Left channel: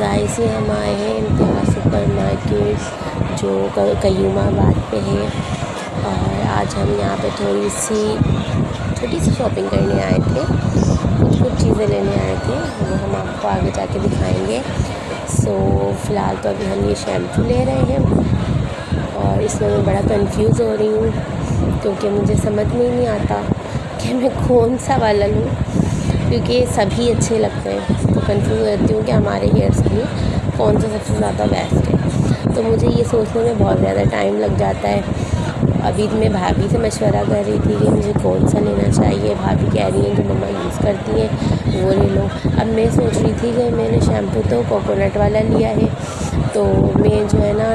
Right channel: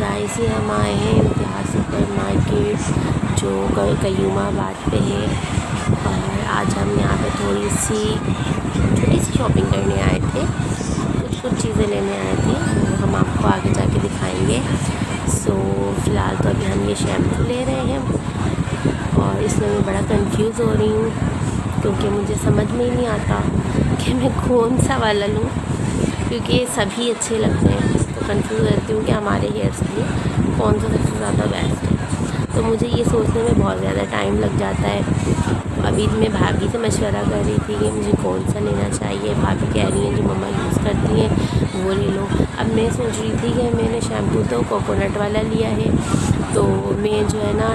Guys ये हम आए हैं इम्तियाज़ सुपर मार्केट जो कयूमाबाद पे है। और आज हम यहाँ पे थोड़ी सी छोटी सी शॉपिंग करने आए थे। कुछ चीज़ें लेने आए थे, वो हम आपको आगे जाके दिखाएंगे। फ़िलहाल तो अभी हम ये शैम्पू ले रहे हैं और इसमें मैं बड़ा कंफ्यूज हो रही हूँ क्योंकि मुझे समझ में ही नहीं आता कि मैं कौन सा वाला लूँ, क्योंकि सभी अच्छे लगते हैं। तो कंफ्यूज रहती हूँ कि हमारे हेयर्स के लिए कौन सा सबसे ज़्यादा बेस्ट है। तो मुझे ये सोचने में बहुत ज़्यादा टाइम लग जाता है। अभी मैं भाभी से मशवरा कर रही थी कि मुझे कौन सा लेना चाहिए। भाभी कह रही हैं जो मम्मा यूज़ करती हैं वो ले लो। अब मैं सोच रही थी कि मैंने शैम्पू तो कोकोनट वाला लिया है, तो मैं जो है ना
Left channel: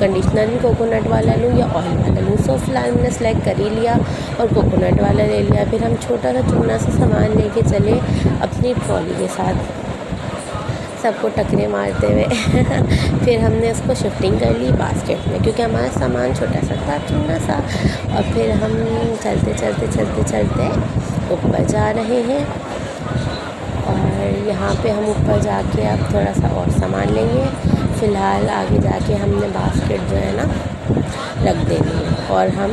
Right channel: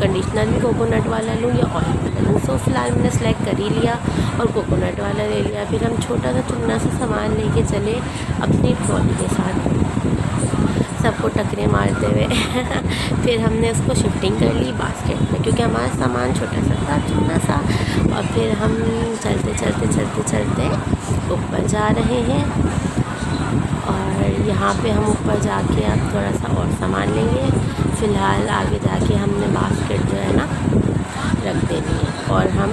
कंडीशनर भी कोकोनट वाला लूँ या ऑयल वाला लूँ। फ़िलहाल मैंने सेलेक्ट कर ही लिया और कोकोनट वाला ले लिया। फिर हम छोटा सा चुन्ना सा सामान लेके चले अपनी ट्रॉली के साथ, सबको टकरे मारते हुए फिर हमने उसको शिफ्टिंग कर ली बास्केट में, क्योंकि हमारा सामान छोटा सा था चुन्ना सा। और फिर हम चलते ऊपर जा रहे हैं और यहाँ पे हम ऊपर जाके अब थोड़ा सा और सामान लेंगे। फ़िलहाल आगे जाके हमने बास्केट जो है ना रख देनी है और हम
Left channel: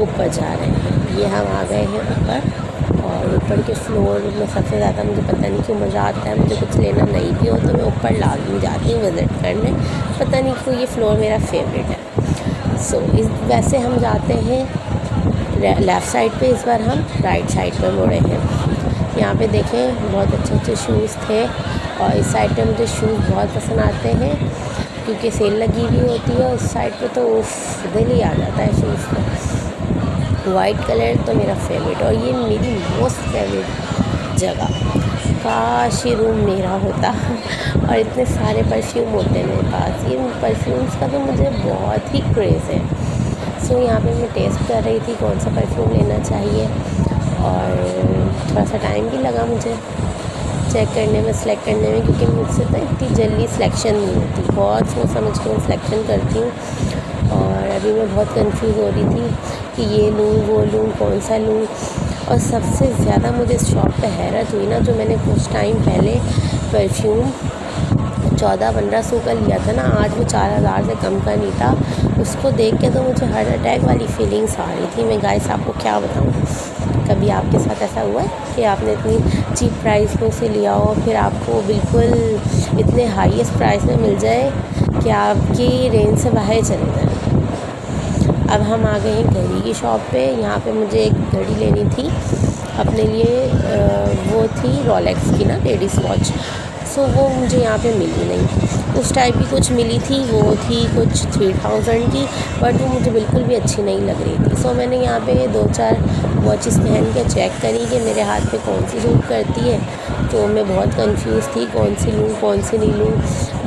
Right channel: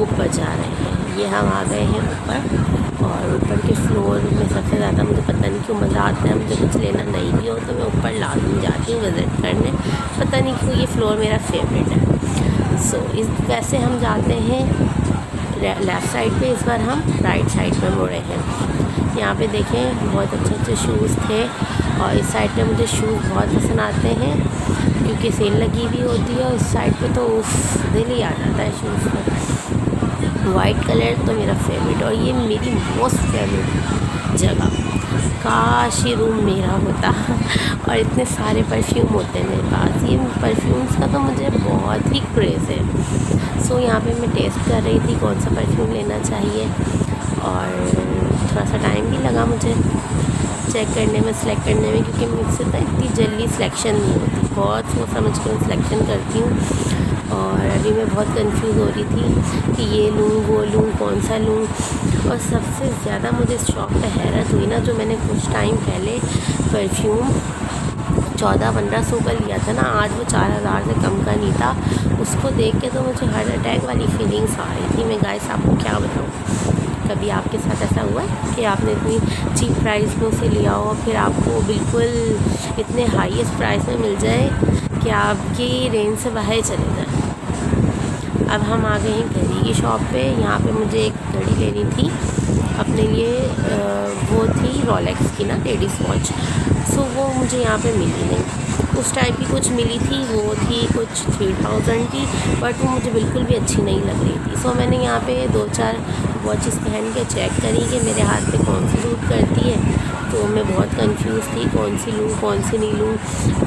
ऊपर जा रहे हैं। ये हम आ गए हैं ऊपर और ऊपर के फ्लोर में सबसे ज़्यादा मुझे पता नहीं क्यों मज़ा आता है। मुझे कुछ लेना नहीं भी हो तो मैं ऊपर लाज़मी जाती हूँ विज़िट करने, पता नहीं क्यों ये फ्लोर मेरा फेवरेट है। वैसे हम जाते हैं लेफ़्ट साइड पे, इस बार हम राइट साइड पे मुड़े हैं। यहाँ पे देखें बहुत अच्छे शूज़ थे और इस साइड पे मुझे शूज़ बहुत पसंद आते हैं क्योंकि सेल लगी हुई होती है। और इस साइड पे तो दिल ही आ जाता है शूज़ पर। वाइट कलर तो मेरा फेवरेट और ये मेरी मोस्ट फेवरेट जगह। काश ये रूम मेरा होता और इतने सारे परफ्यूम होते हैं मेरे पास। ये परफ्यूम्स का तो मुझे बहुत ही क्रेज़ है। यहाँ पे मैं टेस्ट कर रही थी कौन सा परफ्यूम लेना चाहिए और थोड़ा सा टाइम भी लगा मुझे चेक करने में, सिलेक्ट करने में, क्योंकि मुझसे तो इतनी जल्दी सिलेक्शन नहीं होती। बहुत सोच समझ के मैं सिलेक्शन करती हूँ और अभी मैं बहुत कंफ्यूज हो रही थी कि ये लूँ वो लूँ कौन सा लूँ। और सबसे ज़्यादा मुझे इस शॉप पे हैरत हुई ना, जो मैंने कुछ टाइम पहले परफ्यूम 1400-1500 का लिया था ना, आज वो 4000 से कम का नहीं था। उसको देख के तो मुझे हार्ट अटैक वाली फीलिंग्स आ रही थी। मैं गाइस आपको क्या बताऊँ, कभी आपके साथ ऐसा हुआ है कि आपने इतनी चीप प्राइस में उसे लिया हो फिर आपको बिल्कुल इतने हाईएस्ट प्राइस में मिल जाए कि आपकी रेंज से बाहर चले जाए। अब हम आ गए हैं घड़ी की शॉप पे। यहाँ पे मुझे एक घड़ी लेनी थी अपने लिए, वो थी रोलेक्स की ना लेडीज़ वॉच। वो मुझे यहाँ पे मिली नहीं। उस टाइप की कुछ मिली थी, वो थी कुछ 3000 की, बट वो मुझे बिल्कुल भी अच्छी नहीं लग रही थी। मैंने यहाँ पे 2-4 वॉचेस पहन के चेक करी कि मेरे हाथ पे कौन सी सूट करती है। तो मैं बहुत कंफ्यूज थी कौन सी लूँ कौन सी नहीं लूँ।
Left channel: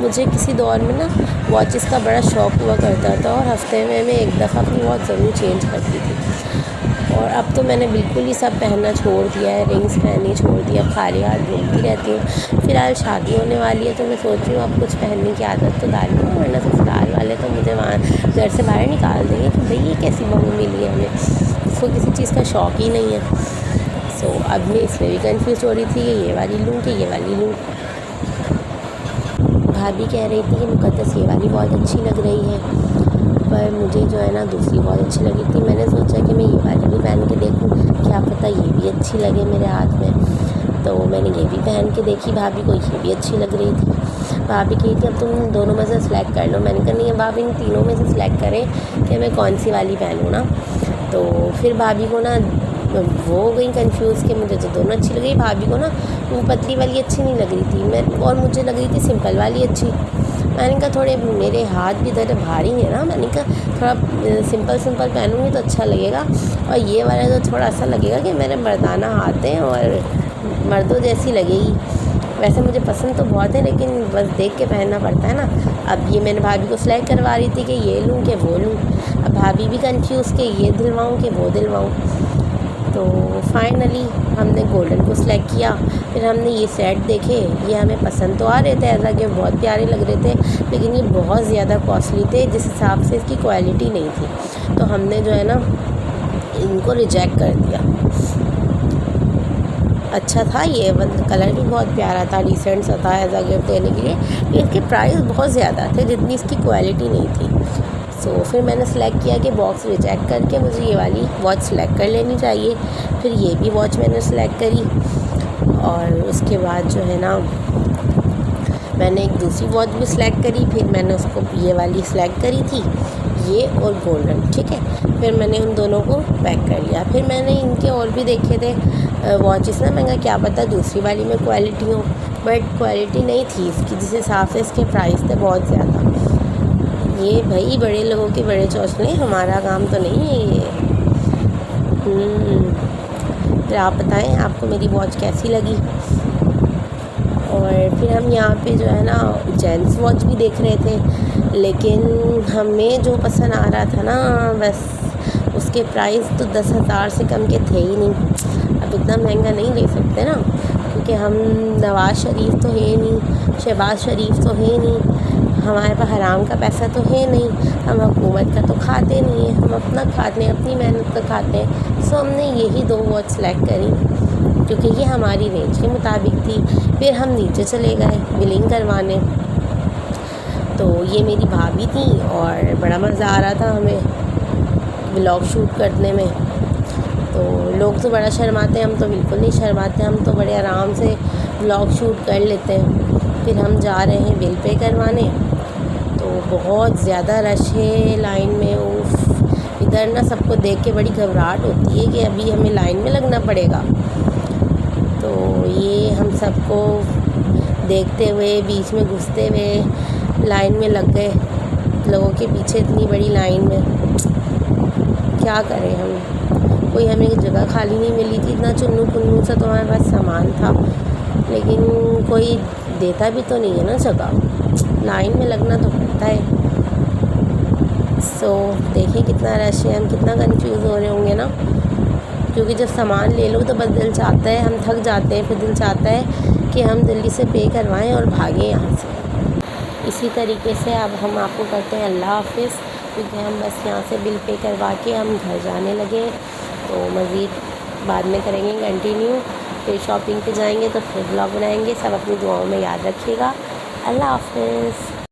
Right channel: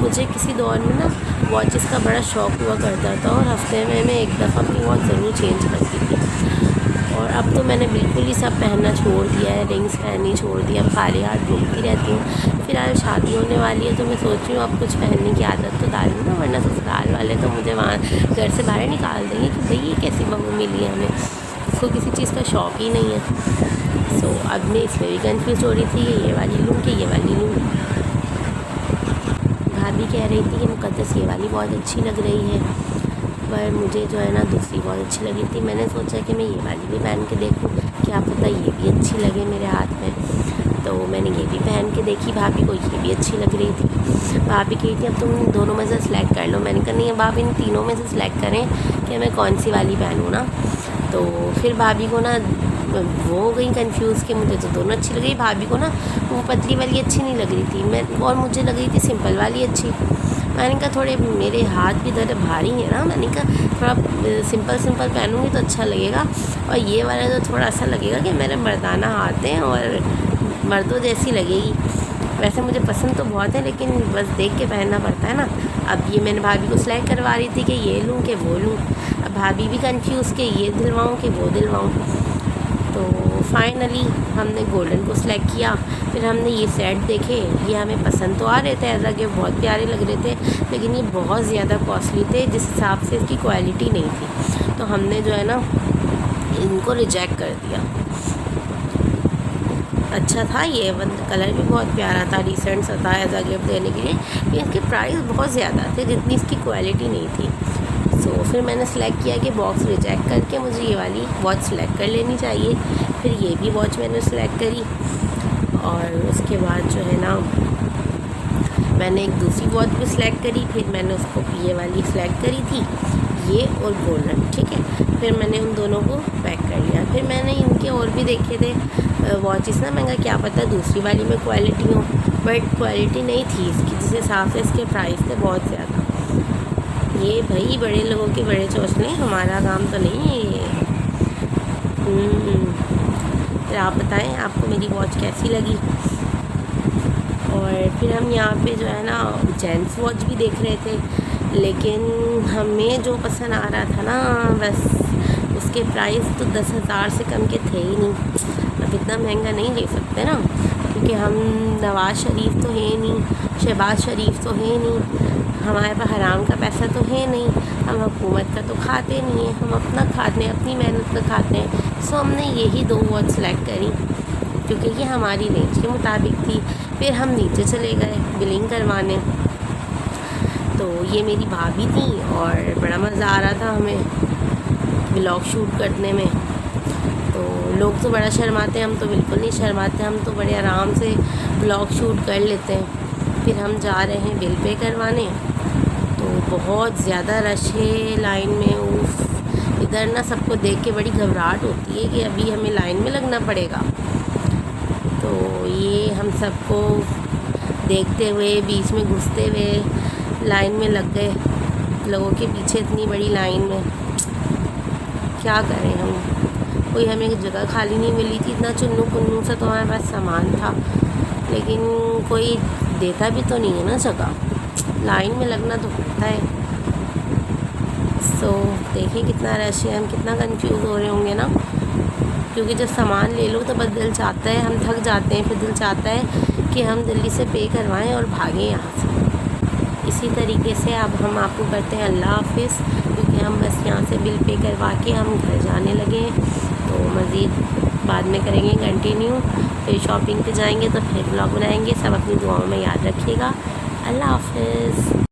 मुझे किसी दौर में ना वॉचेस का बड़ा शौक़ हुआ करता था और हफ्ते में मैं एक दफ़ा अपनी वॉच ज़रूर चेंज करती थी। और अब तो मैंने बिल्कुल ही सब पहनना छोड़ दिया है, रिंग्स पहननी छोड़ दी। अब खाली हाथ घूमती रहती हूँ। फ़िलहाल शादी होने वाली है तो मैं सोच रही हूँ अब कुछ पहनने की आदत तो डालूँ ना, वरना ससुराल वाले तो मुझे वहाँ घर से बाहर निकाल देंगे कि भाई ये कैसी बहू मिली है हमें, इसको किसी चीज़ का शौक़ ही नहीं है। अब मैं इसमें भी कंफ्यूज हो रही थी कि ये वाली लूँ कि ये वाली लूँ। भाभी कह रही थी कि मुकद्दस ये वाली बहुत अच्छी लग रही है, पर मुझे जो है ना दूसरी बहुत अच्छी लगी थी। मैंने सोचा कि मैं ये वाली भी पहन के देखूं, क्या पता ये भी अच्छी लगे मेरे हाथ में। तो मैंने ये भी पहन के देखी, भाभी को ये भी अच्छी लग रही थी। भाभी कही थी अब तुम दोनों में से सिलेक्ट कर लो। मैंने कहा नहीं, भाभी इन तीनों में से सिलेक्ट करें कि मैं कौन सी वाली पहनूँ ना। तो फिर भाभी को ना वो हो गई कंफ्यूज़ कि मुझे तो दोनों अच्छी लग रही। भाभी को ना वो पतली वाली अच्छी नहीं लग रही थी, और मुझे लग रही थी सिंपल वाली अच्छी। मैंने कहा थोड़े मेरे हाथ भी थोड़े भारी हैं ना, मैंने कहा थोड़ा सिंपल पहनूंगी तो अच्छा लगेगा। और ये वाला तो थोड़ा सा लगेगा कि मेरे मर्दाना हाथ हैं और मर्दों जैसी लगेगी। वैसे मुझे पसंद तो बहुत है लेकिन बस देख के पहनना पड़ता है ना। अब ये मैंने भाभी को सिलेक्ट करवा रही थी कि ये लूँ कि वो लूँ। अब भाभी भी कंफ्यूज़ कि ये दिलवाऊँ कि वो दिलवाऊँ। तो फाइनली हमने गोल्डन को सिलेक्ट किया। फिर हमने ये सेट देखे, ये हमें पसंद तो आ रहे थे, ऐसा कि बहुत प्यारे लग रहे थे, लेकिन ये बहुत ज़्यादा कॉस्टली थे जिस हिसाब से इसकी क्वालिटी नहीं थी। तो हमने जो है ना इनको रिजेक्ट कर दिया। अच्छा था ये कलर भी बहुत प्यारा था, डिसेंट सा था एज अ गिफ्ट देने के लिए, लेकिन इसके प्राइस बहुत ज़्यादा थे जितनी इसकी क्वालिटी नहीं थी। सो फिर मैंने सेलेक्ट किया कि बॉक्स रिजेक्ट करके मुझे ये वाली वॉच सेलेक्ट कर लेनी चाहिए। फिर ये भी वॉच मैंने सेलेक्ट करी और उसके बाद जो है ना मैंने एक दूसरी वॉच भी सिलेक्ट करी। फिर मैंने उसको ये वाली सिलेक्ट करी थी, ये और गोल्डन, ठीक है। फिर मैंने उन दोनों को पैक कर लिया। फिर मैंने इनके और भी देखे थे वॉचेस ना, महंगा क्या पता दूसरी वाली में क्वालिटी हो, बट क्वालिटी नहीं थी इसकी, जिस हिसाब से इसके प्राइस थे बहुत ज़्यादा। ये भाई बड़े लोगों के बड़े चौचले, हमारा काम तो नहीं है ये। फिर आप बताएं आपको मेरी वॉच कैसी लगी। और फिर हम यहाँ पे जो है ना जेंट्स वॉच भी देख रहे थे, लेकिन हमें जो पसंद आ रहा था ना बस उसके प्राइस तो 10,000 से कम के थे ही नहीं। अब इतना महंगा नहीं ले सकते ना, क्योंकि हम नवाज़ शरीफ तो है नहीं, शहबाज शरीफ तो है नहीं, हमारे पास हराम का पैसा तो है नहीं, हम हुकूमत का तो खाते नहीं हैं, हम अपना खाते हैं, अपनी मेहनत का खाते हैं। सो हमने यही 2 वॉच सेलेक्ट करी क्योंकि ये हमारी रेंज के मुताबिक थी। फिर हम नीचे चले गए बिलिंग करवाने। तो ये मेरी भाभी थी और बड़ा मज़ा आ रहा था हमें व्लॉग शूट करने में। तो लोग तो बड़ा शर्माते हैं, हम तो बिल्कुल नहीं शर्माते, हम तो बड़े आराम से व्लॉग शूट कर लेते हैं। फिर हम जा रहे हैं बिल पे करवाने। तो बहुत ज़्यादा रश है लाइन में। उफ, इधर ना सबको देख के बड़ी घबराहट होती है कि अभी हमें लाइन में लगना पड़ेगा। तो ये हम सबको देखते हुए बीच में घुसते हुए लाइन में लग गए, लोगों के पीछे इतनी बड़ी लाइन में। क्या करें हम, कोई हमें जगह खाली नहीं मिली थी, इतना चुन्नू पुन्नू सा तो हमारे पास सामान था, लेकिन कोई देता भी तो नहीं है ना जगह, लाइन में लगना तो पड़ता है। सो देखें कितना रश है, हम कितना कंफ्यूज हो रहे होंगे ना, क्योंकि जब सामान ले लो तो बस दिल चाहता है, हम थक जाते हैं, फिर दिल चाहता है कि हम जल्दी से पे करवाएं और भागें यहाँ से। इसी तरीके से अब हम आपको करते हैं अल्लाह हाफिज़, क्योंकि हम बस यहाँ से बिल पे करवा के हम घर जाने लगे। तो मज़ीद बाद में करेंगे कंटिन्यू, फिर शॉपिंग पे जाएंगे तो फिर ब्लॉग बनाएंगे। सब अपनी दुआओं में याद रखिएगा। अल्लाह हाफिज़।